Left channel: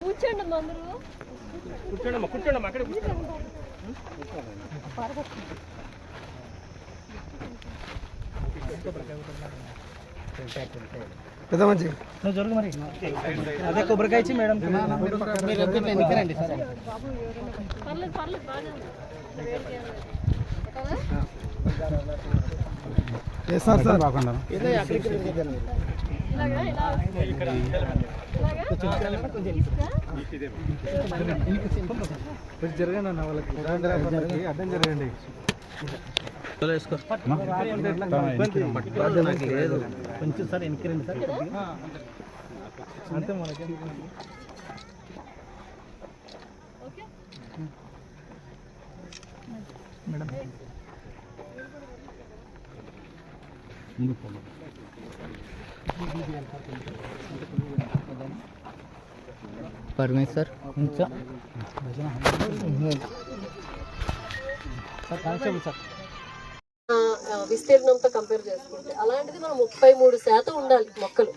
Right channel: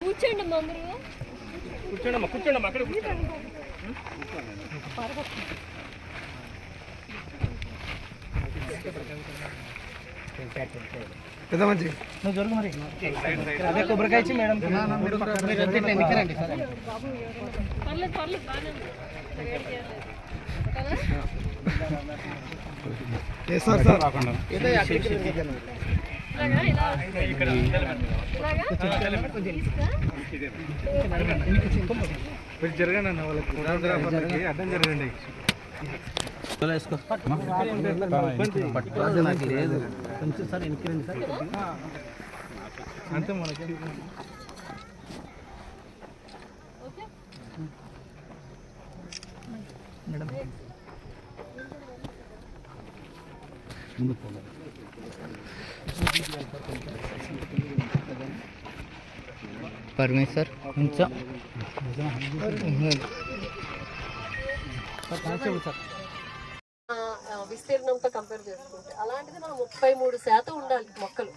కూర్చోండి కూర్చోండి అక్కడ పెద్ద మంచి జరుగు మరి అదే కొబ్బరికాయ ఇచ్చి మేడం జరగండి అన్న వాళ్ళకి ఫోటోగ్రాఫర్లకి అడ్డం జరగండి. అంతే మనకి మేడం పరమేశ్వర్ విస్తీర్ణంతో కంపేర్ చేసుకుంటే అలాంటిది మనం 33% ఉండాలి మొక్కలు,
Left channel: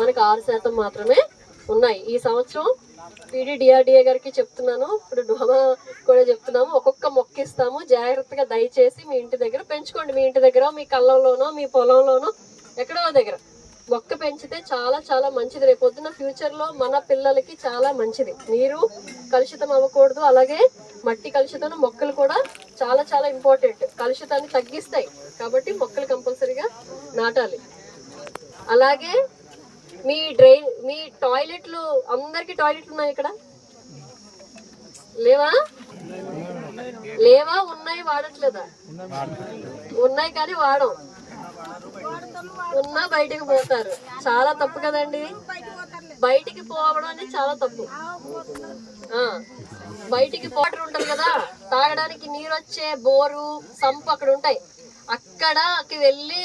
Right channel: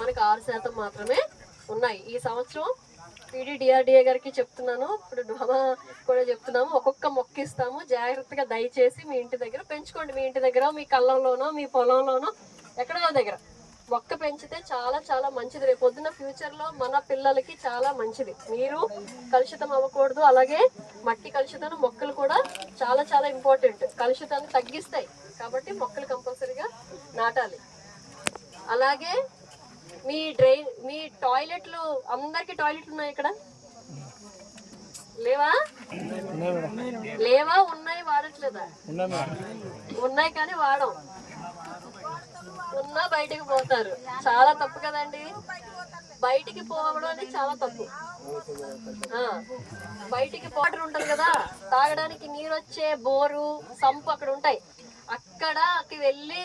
మనకు 6% మాత్రమే ఉన్నాయి. ఈ సంవత్సరం PDDRDA గారికి చెప్తున్నాను, ఇప్పుడు డోమా కూడా చెప్తున్నాము, ఒక్కొక్క మొక్క ఇస్తాము, జాగ్రత్తగా దయచేసి మీ ఇంటి దగ్గర పెంచుకోండి. మీ ఇంటి దగ్గర, మీ కళ్ళంలోనో, మీ పొలంలోనో, ఎక్కడో దగ్గర మొక్క పెంచితే చాలా చాలా మంచిది. రేపు పొద్దున ఫ్యూచర్లో మన పిల్లలకి చాలా మంచిది. నీరు కలుషితం అవ్వకూడదు, అలాగే మట్టి కలుషితం, మొక్కలు కూడా చాలా చాలా ఇంపార్టెంట్, కలుషితాన్ని తగ్గిస్తాయి. కాబట్టి మొక్కలు కంపల్సరీగా నాటాలి. అలాగే మీ టాయిలెట్లు, అందరికి టాయిలెట్లు ఉన్నాయి ఇక్కడ? లేవా? ఉన్నాయి, వాడట్లేదా? ఉన్నాయి కానీ వాడం, ఉన్నా బయటకు పోతారు. చాలా తప్పు కదండి, బయటికి పోవడం అనేది చాలా తప్పు. బయటికి వాటర్ ఉంటుంది కదా, తాగడానికి నీరు వచ్చే బోరు, సంపు అక్కడ ఉంటాయి, అక్కడికి వెళ్ళి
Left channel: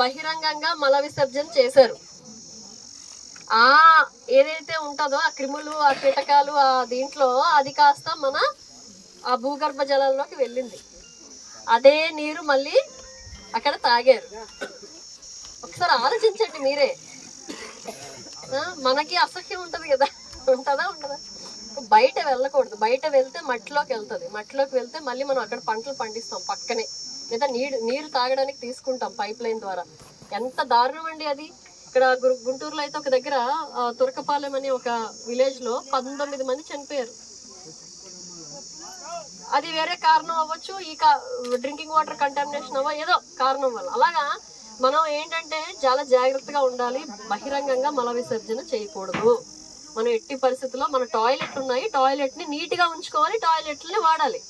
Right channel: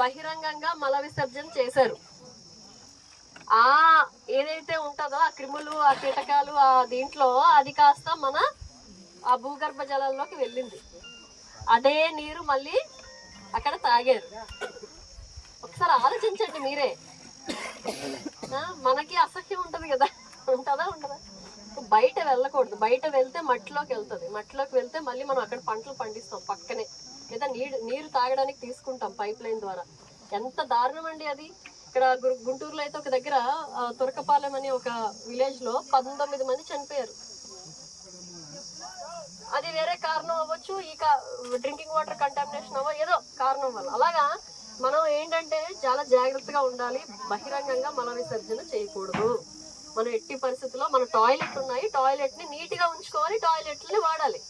బహిరంగంగా మల విసర్జన చేశారు. ఏదైతే ఉంటుందో ఆ క్రిములు, ఆ కీటకాలు, ఆ దీంట్లో అది కాస్త మన ఆ భూగర్భ జలాల్లోకి వెళ్ళింది. అదే నీరు మళ్ళీ అక్కడ తాగారు. ఒకసారి ఆలోచించండి మీరే. మనకి అసహ్యం ఉంటుంది కదా, ఉంటుందా ఉండదా? బయట వెళ్ళకూడదు, బయట వెళ్తే మట్టిలోకి వెళ్తుంది, మట్టిలోకి వెళ్తే మళ్ళీ మనం అక్కడ పంటలు పండిస్తాం పక్కనే, లేదా నీరు తాగడానికి తీసుకుంటాం పైప్ లైన్ ద్వారా. ఎంత దారుణం అండి అది. ఇక్కడ గుంటూరులో అయితే ఒక దగ్గర తురకపాలెం అనే ఒక విలేజ్ లో 19 మంది చనిపోయారు. అది వేరే కారణం అవ్వచ్చు, ఈ డ్రింకింగ్ వాటర్ కంటామినేషన్ ఏదో కారణం వల్ల. అలాగా మనం ఏంటంటే చాలా జాగ్రత్తగా ఉండాలి, బహిరంగంగా మల విసర్జన చేయకూడదు. మనం ఎట్టి పరిస్థితుల్లో మన టాయిలెట్లు ఉన్నాయి, టాయిలెట్ ని నీట్ గా ఉంచుకోవాలి, టాయిలెట్లని వాడాలి,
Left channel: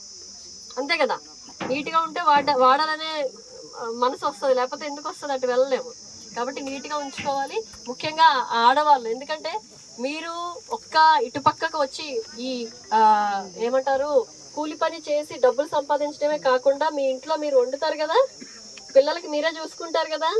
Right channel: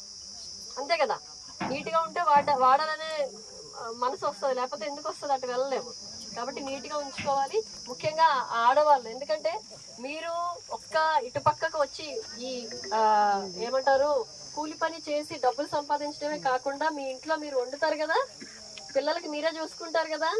అంతే కదా. నీట్ గా ఉంటే వాడాలనే మనసు వస్తుంది, లేకపోతే ఎందుకు వస్తుంది, అటు వెళ్ళలేము. కాబట్టి నీట్ గా ఉంచుకోవాలి, ముఖ్యంగా ఆడవాళ్ళు. ఎందుకంటే మీరు ఇటు పక్కకు వచ్చి ఈ ఏమంటారు కూలి పని చేసి డబ్బులు సంపాదించడమే కాకుండా మీ ఇంట్లో మీరు వండుతారు కదా, పిల్లలకి మీరే చూసుకుంటారు కదా,